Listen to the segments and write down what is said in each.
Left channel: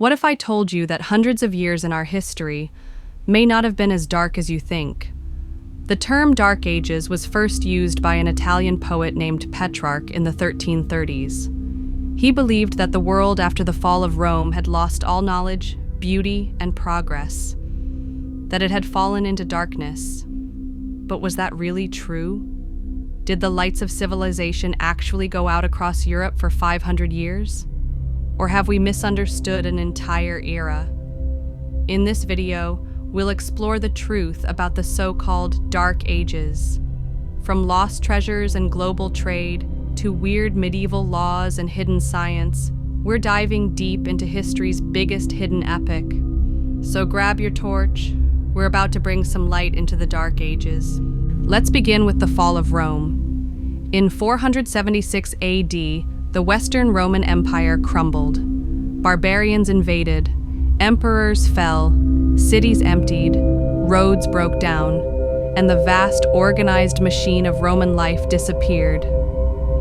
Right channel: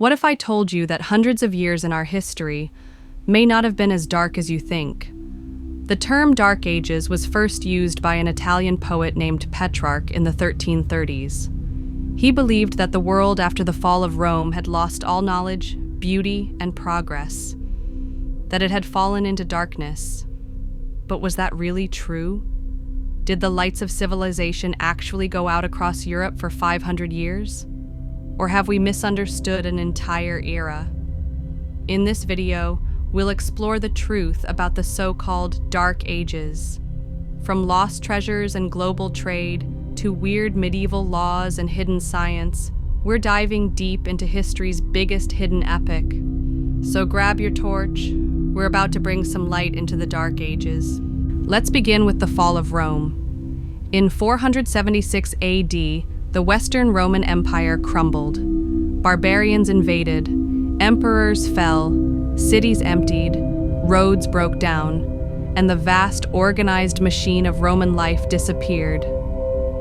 What if I told you that hundreds of years in our history may not have been as dark as you think? The term Dark Ages was first used by an Italian poet named Petrarch in the 1330s. He believed that the world after the fall of Rome had lost all knowledge, beauty, and progress, that it had fallen into darkness. But was that really true? Did the lights of civilization actually go out across Europe for 500 years? Or have we misunderstood an entire era? In this video, we'll explore the truth about the so-called Dark Ages. From lost treasures and global trade to weird medieval laws and hidden science, we're diving deep into history's biggest hidden epic. So grab your torch. We're about to bring some light into the Dark Ages. Let's begin with the fall of Rome. In 476 AD, the Western Roman Empire crumbled. Barbarians invaded, emperors fell, cities emptied, roads broke down, and the vast organized machine of Roman life disappeared.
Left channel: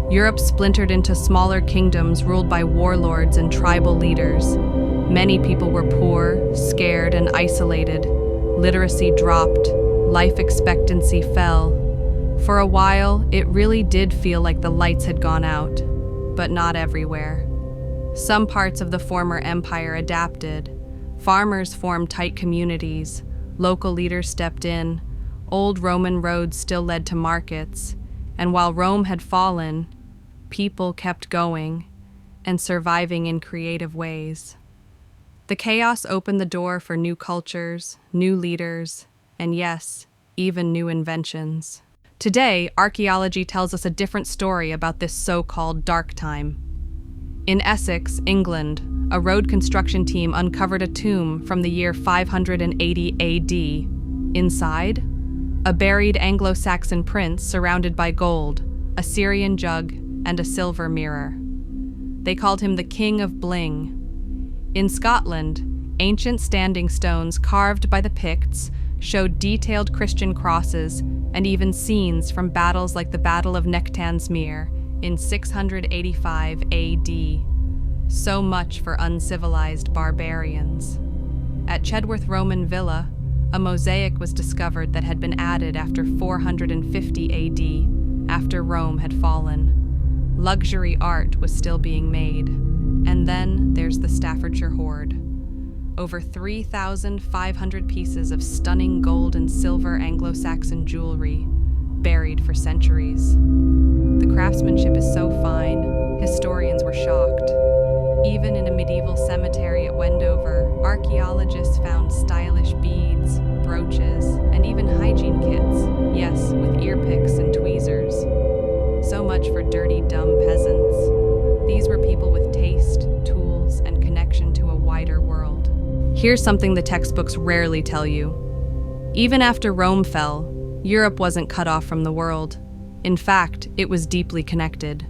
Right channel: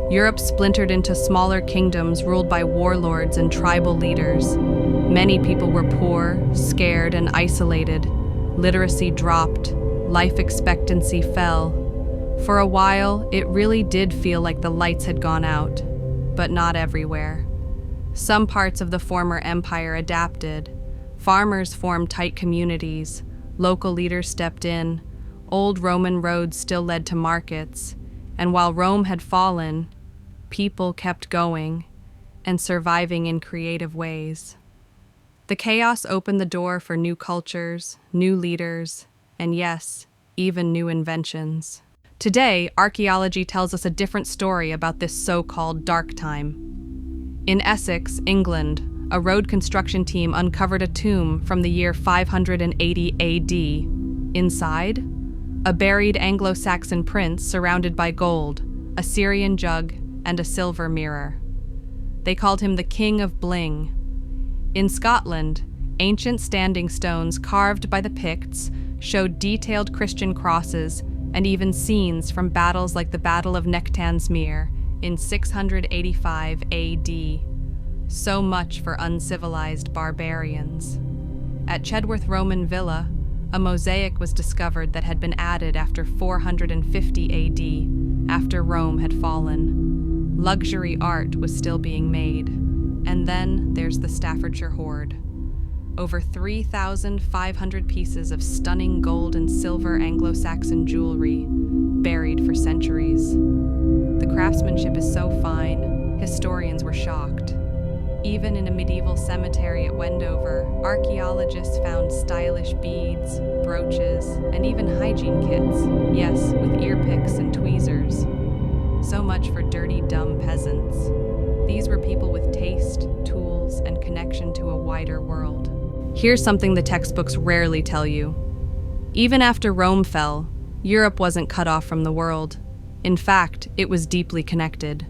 Europe splintered into smaller kingdoms ruled by warlords and tribal leaders. Many people were poor, scared, and isolated. Literacy dropped, life expectancy fell. For a while, it really did feel like the lights had gone out, but not everywhere. Some parts of the former empire adapted. Farmers formed tight communities, local leaders stepped in, old Roman roads still led to markets, and while Rome had fallen, people kept going and surviving in creative ways. The chaos opened the door for new cultures, new leaders, and yes, even new inventions. Today, archaeology tells us a different story about this so-called dark time. In Essex, England, a road construction team uncovered a tomb from the year 580 AD. Inside, a buried Anglo-Saxon prince surrounded by gold, a Syrian jug, and a silver mirror. They called him the King of Bling. In Scotland, ancient standing stones carved by the Picts showed detailed Christian crosses and even scenes from battles like the Battle of Nectansmere in 685 AD. So much for uncivilized barbarians. At Chedworth Roman Villa, a mosaic was discovered that had been added after 450 AD, after Rome had fallen. Luxury art was still being made. And then there's the Staffordshire Hoard. Over 3,500 pieces of stunning gold and silver Anglo-Saxon jewelry, buried for centuries. The craftsmanship is so fine, historians were shocked. Even in a medieval cemetery at Wendover, archaeologists found stylish beads, brooches, and even hygiene kits. Yes, with ear picks and tweezers. So much for dirty, dumb peasants. These were people with taste, tools, and connection to a wider world. Here's something the textbooks rarely tell you. Even after Rome fell, Europe wasn't cut off from the world. In fact, it was deeply connected.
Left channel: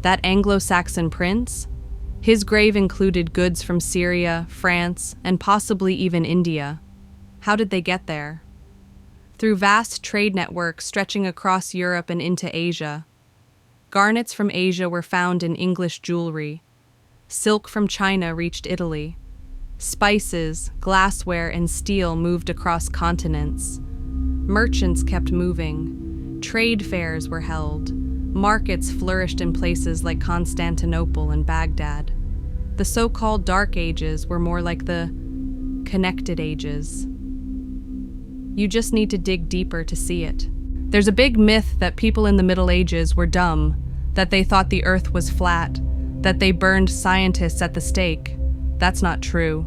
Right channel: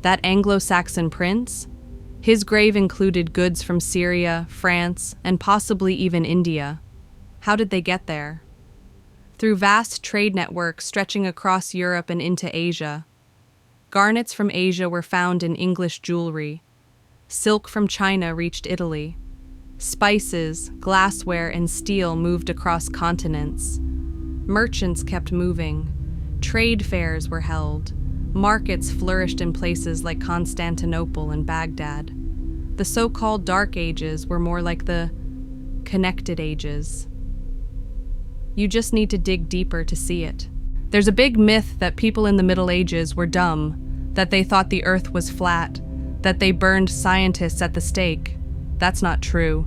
That Anglo-Saxon prince? His grave included goods from Syria, France, and possibly even India. How did they get there? Through vast trade networks stretching across Europe and into Asia. Garnets from Asia were found in English jewelry. Silk from China reached Italy. Spices, glassware, and steel moved across continents. Merchants kept moving. Trade fairs were held. Markets flourished in places like Constantinople and Baghdad. The so-called Dark Ages were more like the connected ages. You just need to dig deeper to see it. There's a big myth that people in the Middle Ages were dumb, that they thought the earth was flat, that they burned scientists at the stake. That's not true.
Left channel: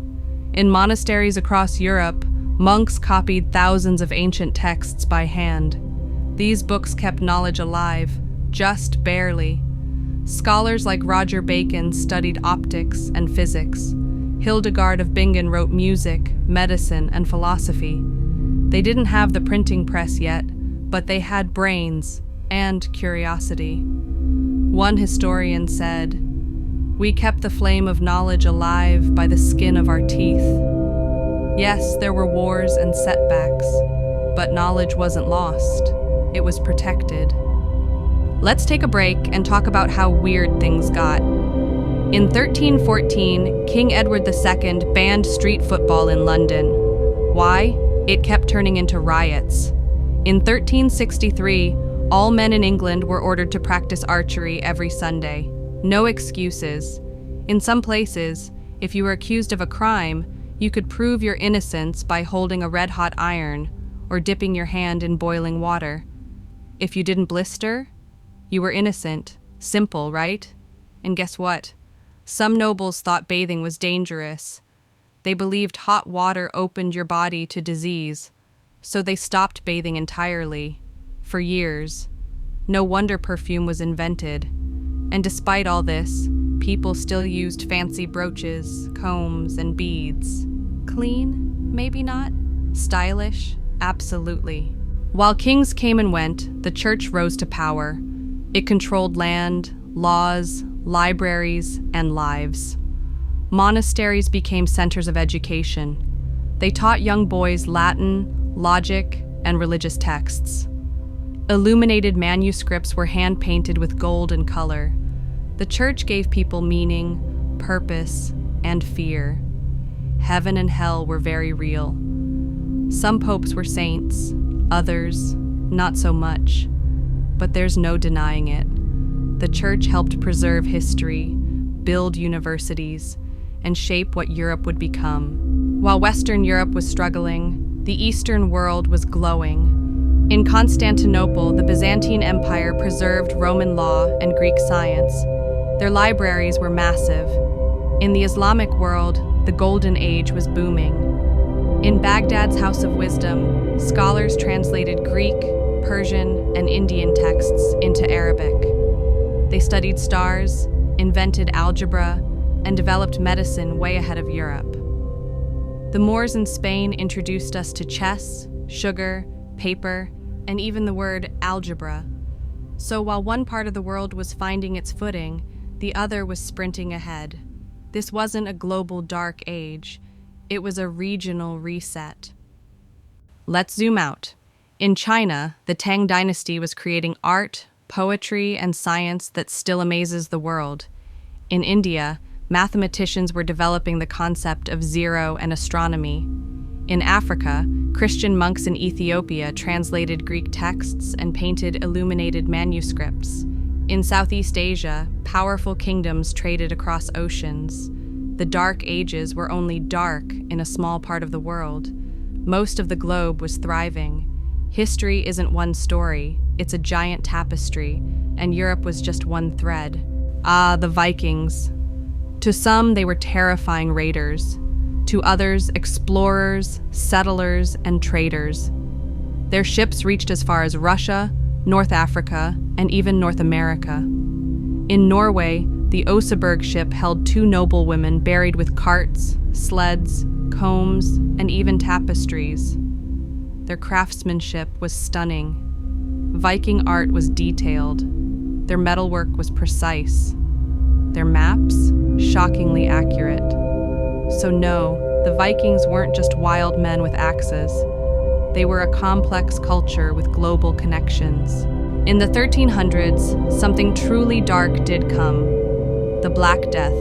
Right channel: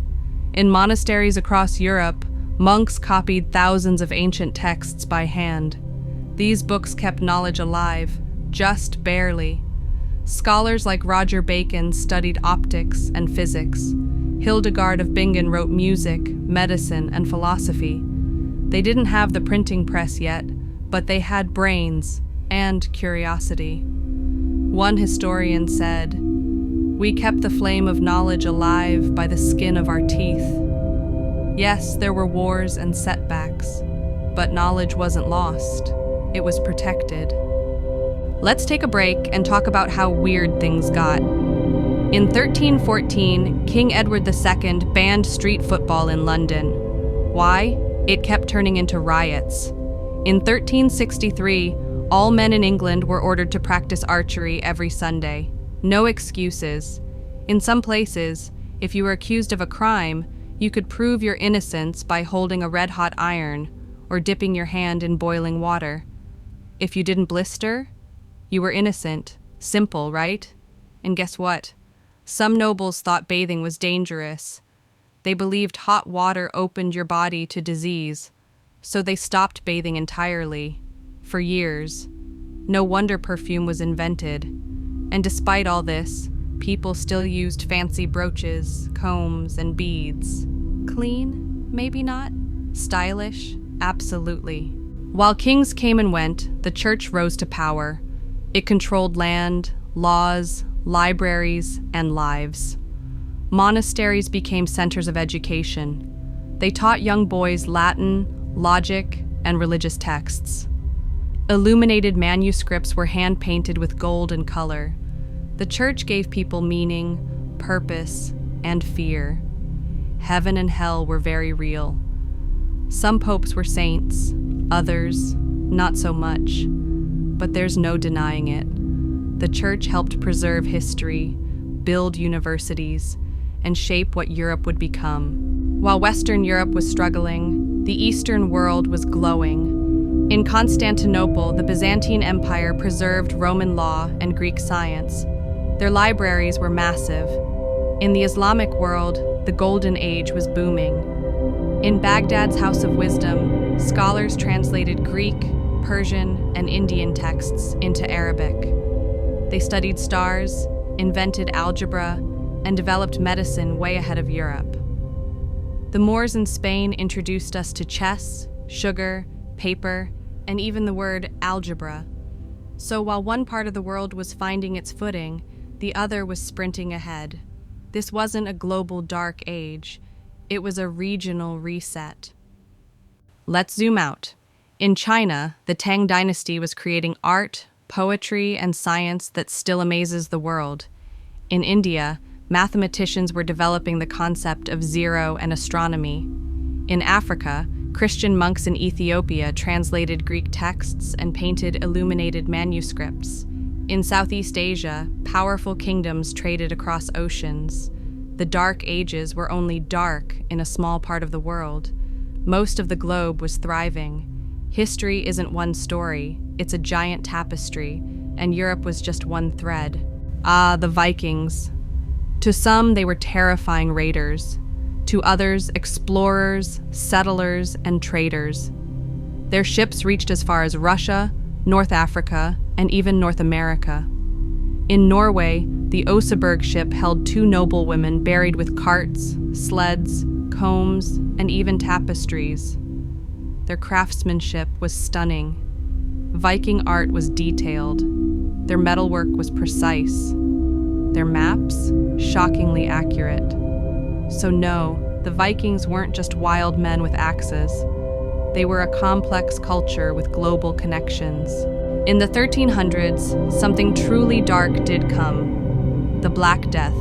In monasteries across Europe, monks copied thousands of ancient texts by hand. These books kept knowledge alive, just barely. Scholars like Roger Bacon studied optics and physics. Hildegard of Bingen wrote music, medicine, and philosophy. They didn't have the printing press yet, but they had brains and curiosity. One historian said, "We kept the flame of knowledge alive by the skin of our teeth." Yes, there were wars and setbacks, but knowledge wasn't lost. It was protected. Let's take a break and talk about how weird things got. In 1314, King Edward II banned street football in London. Why? It kept turning into riots. In 1363, all men in England were ordered to practice archery every Sunday. No excuses. In some places, if you were accused of a crime, you could prove your innocence by holding a red-hot iron or dipping your hand in boiling water. If you didn't blister, you were innocent. Simple, right? And guess what? Some nobles thought bathing was dangerous. They believed hot water opened your body to disease, so they stopped bathing entirely. For years. No wonder perfume was invented. And despite all this, people still used fancy brooches, combs, and beads. Clean? Maybe not. Stylish? Absolutely. While kings came and went, the church rose to power. It controlled land, laws, libraries, and lives. Monasteries became centers of education. They taught young boys Latin, logic, and religious texts. Illuminated manuscripts were hand-painted with gold and color. The church gave people meaning, purpose, and fear. Heaven and hell were very real. Some popes were saints, others, not so much. But there's no denying it. The church helped preserve history, build universities, and shape what Europe would become. While Western Europe was struggling, the Eastern world was glowing. In Constantinople, the Byzantine Empire preserved Roman law and Greek science. Their libraries were massive. In the Islamic world, the Golden Age was booming. In Baghdad's House of Wisdom, scholars translated Greek, Persian, and Indian texts into Arabic. They studied stars, invented algebra, and developed medicine way ahead of Europe. The Moors in Spain introduced us to chess, sugar, paper, and even the word algebra. So while one part of the world was finding its footing, the other was sprinting ahead. This wasn't a global dark age. It was a regional reset. Let's zoom out. In China, the Tang dynasty was creating art, poetry, and science that still amazes the world. In India, mathematicians were developing the concept of zero and astronomy. In Africa, Christian monks in Ethiopia translated Greek texts and painted illuminated manuscripts. In Southeast Asia, powerful kingdoms traded across oceans. The Dark Ages were only dark in a small part of the world. Most of the globe was thriving. History isn't one story, it's a giant tapestry, and Europe was just one thread. Ah, the Vikings. To some, they were terrifying raiders. To others, explorers, settlers, and traders. Their ships reached as far as Russia, North Africa, and even North America. In Norway, the Oseberg ship held 2 noble women buried with carts, sleds, combs, and even tapestries. Their craftsmanship was stunning. Viking art was detailed. Their metalwork was precise. Their maps, shockingly accurate. So no, the Vikings weren't just wild men with axes. They were a complex culture with global connections. In the 1300s, something truly dark did come. The Black Death.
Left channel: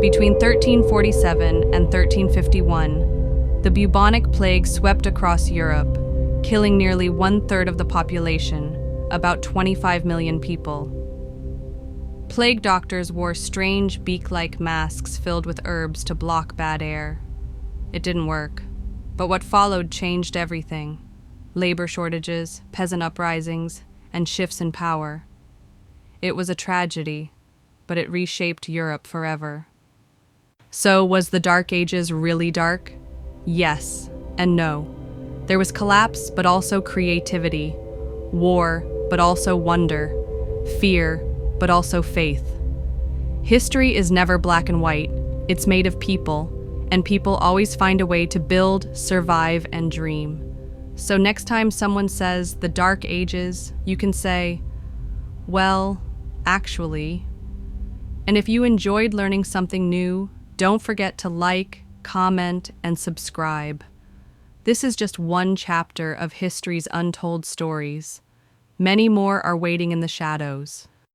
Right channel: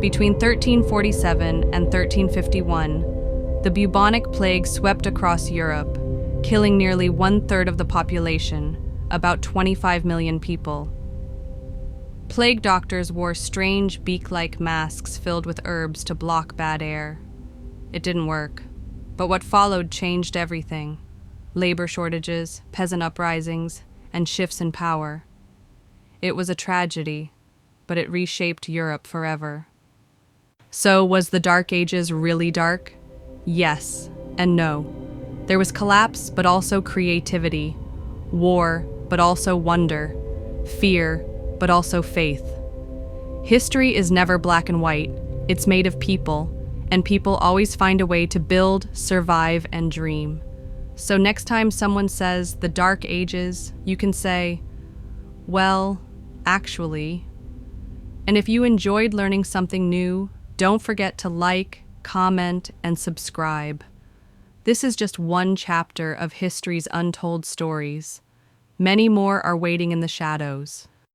Between 1347 and 1351, the bubonic plague swept across Europe, killing nearly 1/3 of the population, about 25 million people. Plague doctors wore strange beak-like masks filled with herbs to block bad air. It didn't work, but what followed changed everything. Labor shortages, peasant uprisings, and shifts in power. It was a tragedy, but it reshaped Europe forever. So, was the Dark Ages really dark? Yes and no. There was collapse, but also creativity. War, but also wonder. Fear, but also faith. History is never black and white. It's made of people, and people always find a way to build, survive, and dream. So next time someone says the Dark Ages, you can say, well, actually. And if you enjoyed learning something new, don't forget to like, comment, and subscribe. This is just one chapter of history's untold stories. Many more are waiting in the shadows.